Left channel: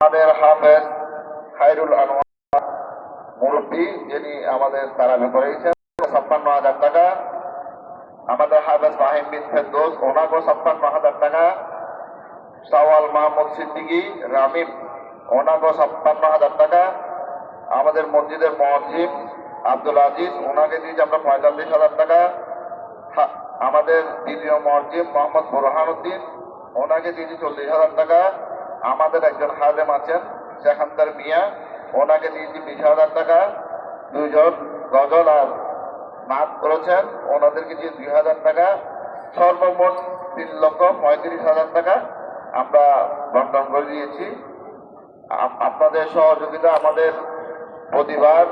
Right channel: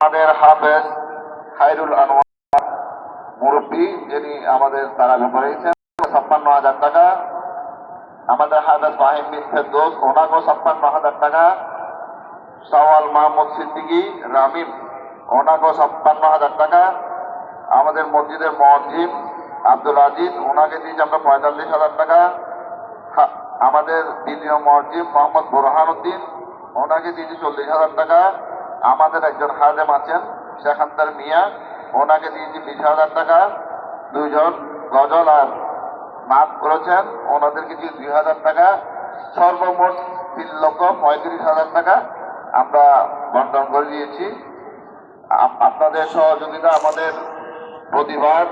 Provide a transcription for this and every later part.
আমাদের হাফেজ খায়রুল আনোয়ার মুরব্বী, যিনি আমাদের তারাবি করেছেন ৫৬,০০০ টাকা। আমাদের হাফেজ ফাহিম বিন ফেরদৌস, ওনাকেও ৫৬,০০০ টাকা। সওয়াল মাহমুদ সিদ্দিকী রামিম, ওনাকেও ৫৬,০০০ টাকা। আমাদের মসজিদের মুয়াজ্জিম আব্দুল আজিজ, ওনাকে দিয়েছি আমরা ৪৫,০০০ টাকা। আমাদের দ্বিতীয় মুয়াজ্জিম মোহাম্মদ বুরহান উদ্দিন, ওনাকে দিয়েছি ৪০,০০০ টাকা। আমাদের একজন হাজেম আছেন শেখান্তর মিয়া, ওনাকে দিয়েছি ২০,০০০ টাকা। দুইজন গজল আর নাচ করেছেন, ওনাদেরকে দিয়ে ২,০০০ টাকা। সর্বমোট ৩,৩৫,০০০ টাকা আমরা বন্টন করে দিয়েছি। আপনাদের সহযোগিতা আমাদের প্রতিবার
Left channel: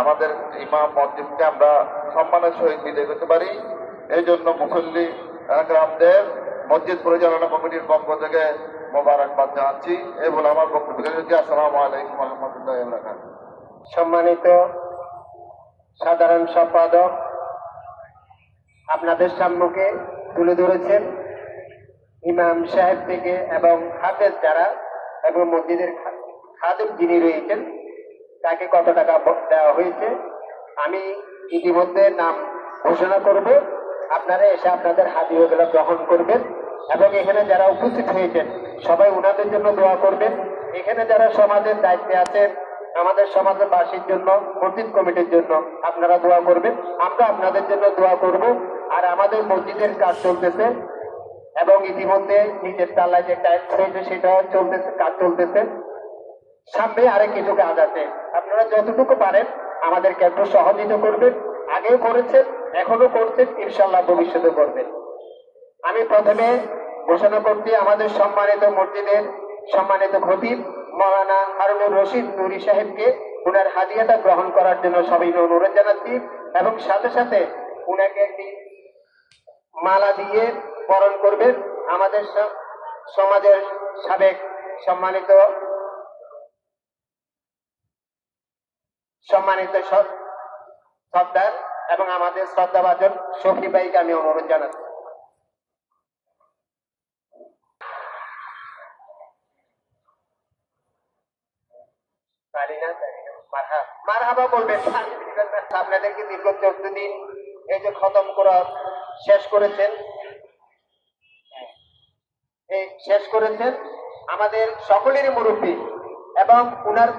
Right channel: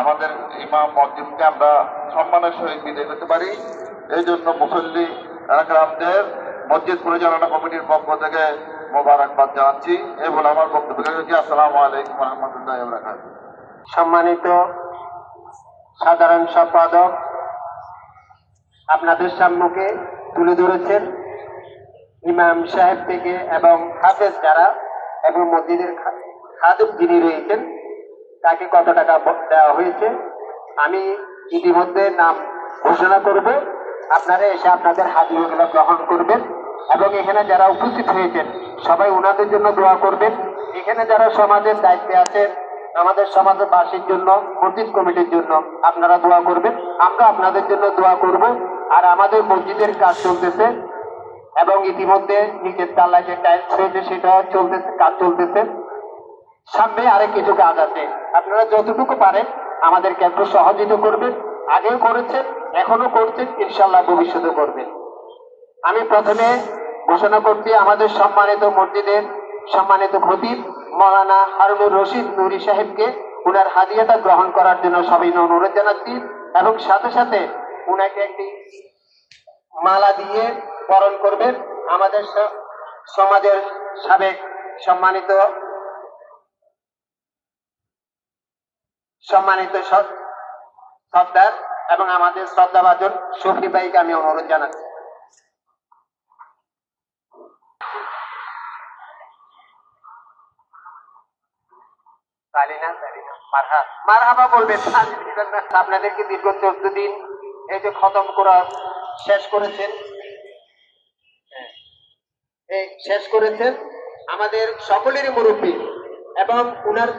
আমাদের ইমাম মসজিদকে আমরা সম্মানের সহিত বিদায় করতে পারি। এই জন্য মুসল্লি একরামদের মসজিদ পরিচালনা কমিটির পক্ষ থেকে মোবারকবাদ জানাচ্ছি। এই বলে আমার বক্তব্য রেখেছি। আসসালামু আলাইকুম ওয়া রাহমাতুল্লাহি ওয়া বারাকাতুহু। সম্মানিত সাধারণ সম্পাদক আপনাদের সম্মুখে তুলে ধরেছেন ইমাম সাহেব থেকে এবং হাফেজ যারা এবং মসজিদের খাদেম যিনি রয়েছেন তাকে কত টাকা দেওয়া হয়েছে। আমি ইতিমধ্যে নাম ঘোষণা করব, আপনারা এসে আপনাদের হাদিয়াগুলো গ্রহণ করবেন এবং এখানে যারা উপস্থিত হয়েছেন সবাই ওনাদের জন্য দোয়া করবেন। এখানে যারা সমাজের দায়িত্বে আছেন, আমাদের সমাজবাসীর জন্য, মসজিদ কমিটির জন্য আপনারা দোয়া করবেন, আমরা আপনাদের জন্য দোয়া করব। আর আমাদের মসজিদের কাজ চলতেছে এবং ইতিমধ্যে নিচের তলায় যে টাইলস হয়েছে সেটা চলতেছে, কাজ চলতেছে। সামনে আরেক কিছু কাজ আছে, আপনারা যতটুকু পারেন আমাদেরকে একটু সহযোগিতা করবেন। আগেও করেছেন, এখনো করছেন, ইনশাল্লাহ ভবিষ্যতে করবেন। আমি প্রথমে ঘোষণা করছি আমাদের সম্মানিত মসজিদের সম্মানিত খতিব মাওলানা হারুনুর রশিদ নুরি সাহেবকে উনার হাদিয়াটা গ্রহণ করার জন্য সবাই অনুরোধ জানাচ্ছি এবং সাথে সাথে উনাকে একটি মালা দিয়ে বরণ করবেন। আমাদের সমাজের সাবেক সম্মানিত সর্দার এবং আমাদের শ্রদ্ধাভাজন শফি ভাইকে আমি অনুরোধ জানাচ্ছি। মারহাবা বলবেন। আপনাদেরকে দীর্ঘ 14 দিন এই যে খতম করা শেষ করেছেন, আমাদের সকলেরই মুরব্বী এবং উনার